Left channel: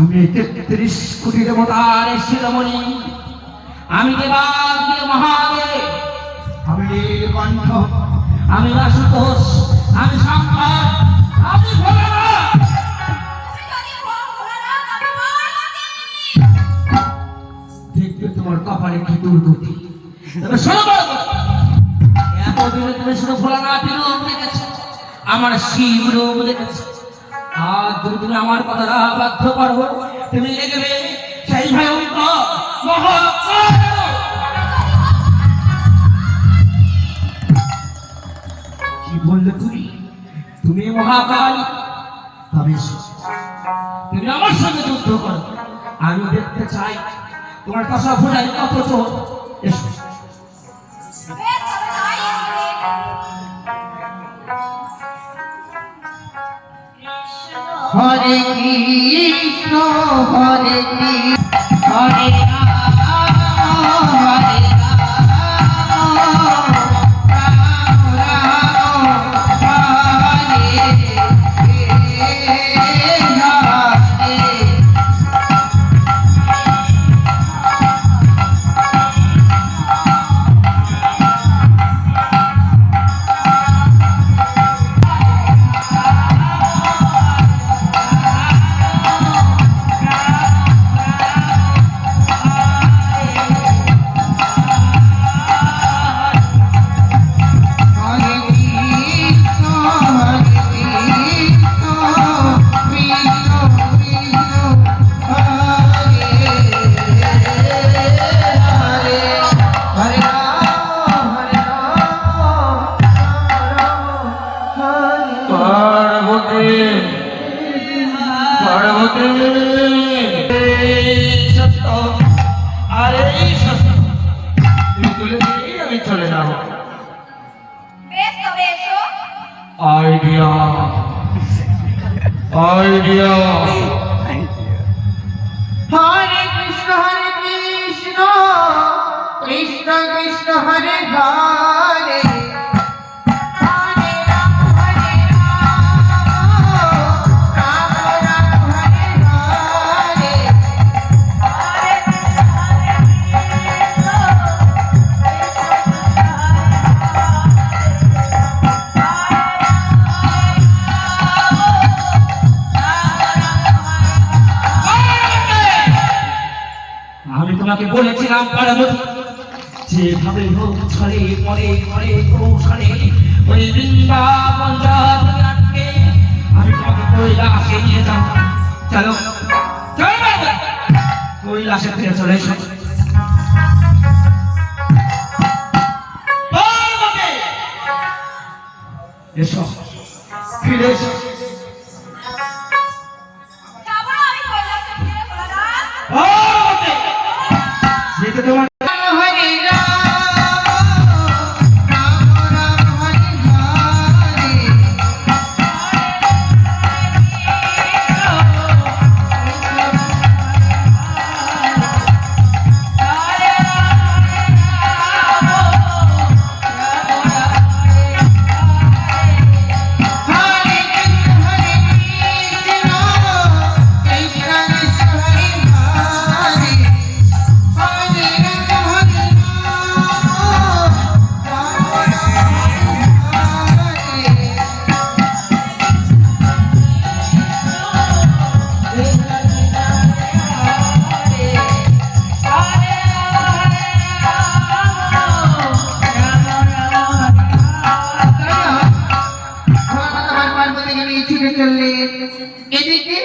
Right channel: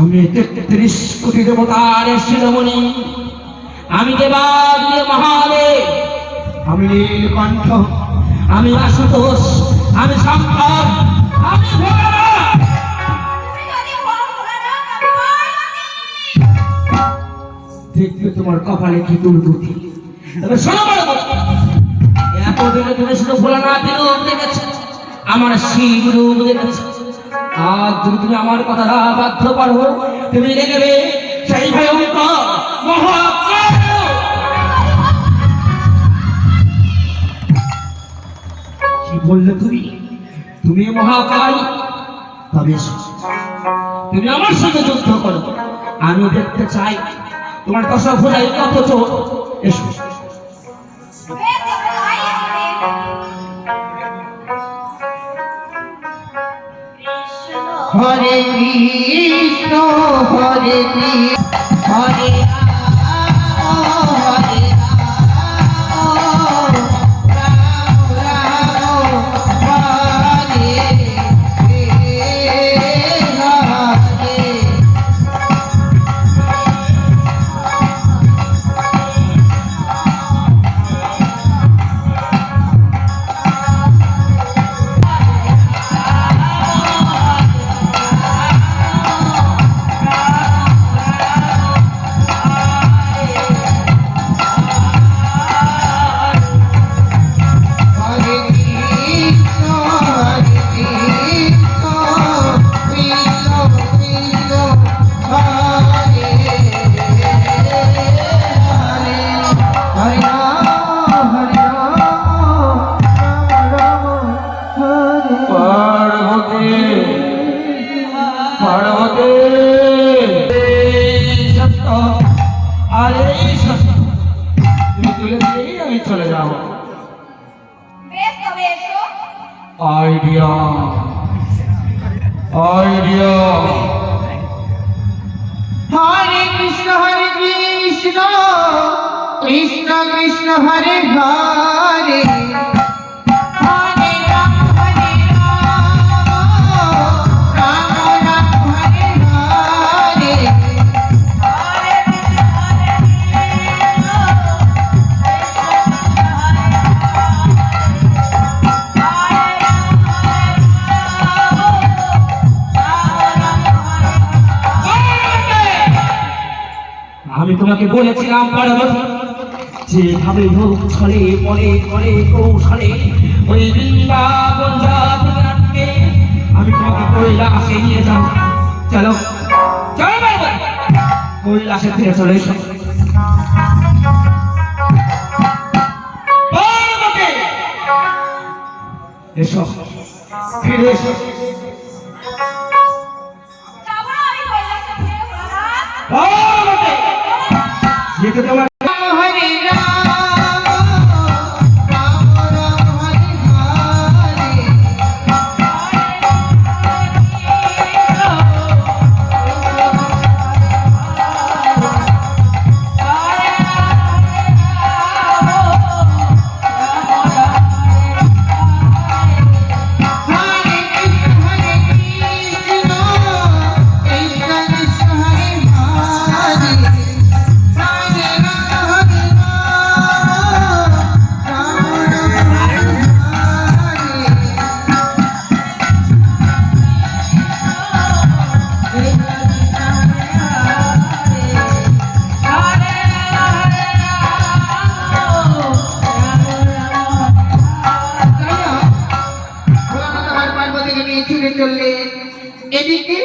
আমি ৩৩ কোটি দেবতার শিরোমণি, আমি দেবাদিদেব মহাদেব, আমি নীলকণ্ঠ, আমি আশুতোষ, আমি শঙ্কর, আমি ভোলানাথ। দেখবে তোমার কপালে কি দুর্গতি। তবে শোনো, এতদিনে তুমি শুধু ভোলানাথের রূপ দেখেছ, আমার শিব রূপ দেখেছ। আর তুমি আমার কথা বাধ্য পারো, তুমি দেখবে সেই ভয়ঙ্কর মহাকাল। কি বললে তুমি? তুমি মহাকাল? তবে তুমি আমার সঙ্গে যুদ্ধ করো, আমি দেখতে চাই তোমার দশা ভুজাই কত চোখ। এসো। হরে কৃষ্ণ হরে কৃষ্ণ হরে আমি চলে যাব। আইডিয়া হরে কৃষ্ণ কৃষ্ণ কৃষ্ণ হরে হরে হরে রাম রাম রাম হরে হরে। আমি তোমাকে বলেছিলাম পার্বতী, যেভাবে হোক ছলে পরে করে কৌশলে ওই বৃন্দাবন যাত্রা আটকে আমি তোমাকে কৈলাসে নিয়ে যাব। চলো চলো কৈলাসে ফিরে চলে এসো। এসো, ফিরে এসো। যেতে তোমার হরে রাম রাম হরে হরে। হরে কৃষ্ণ কৃষ্ণ কৃষ্ণ হরে হরে হরে রাম ছুটে চললেন। এদিকে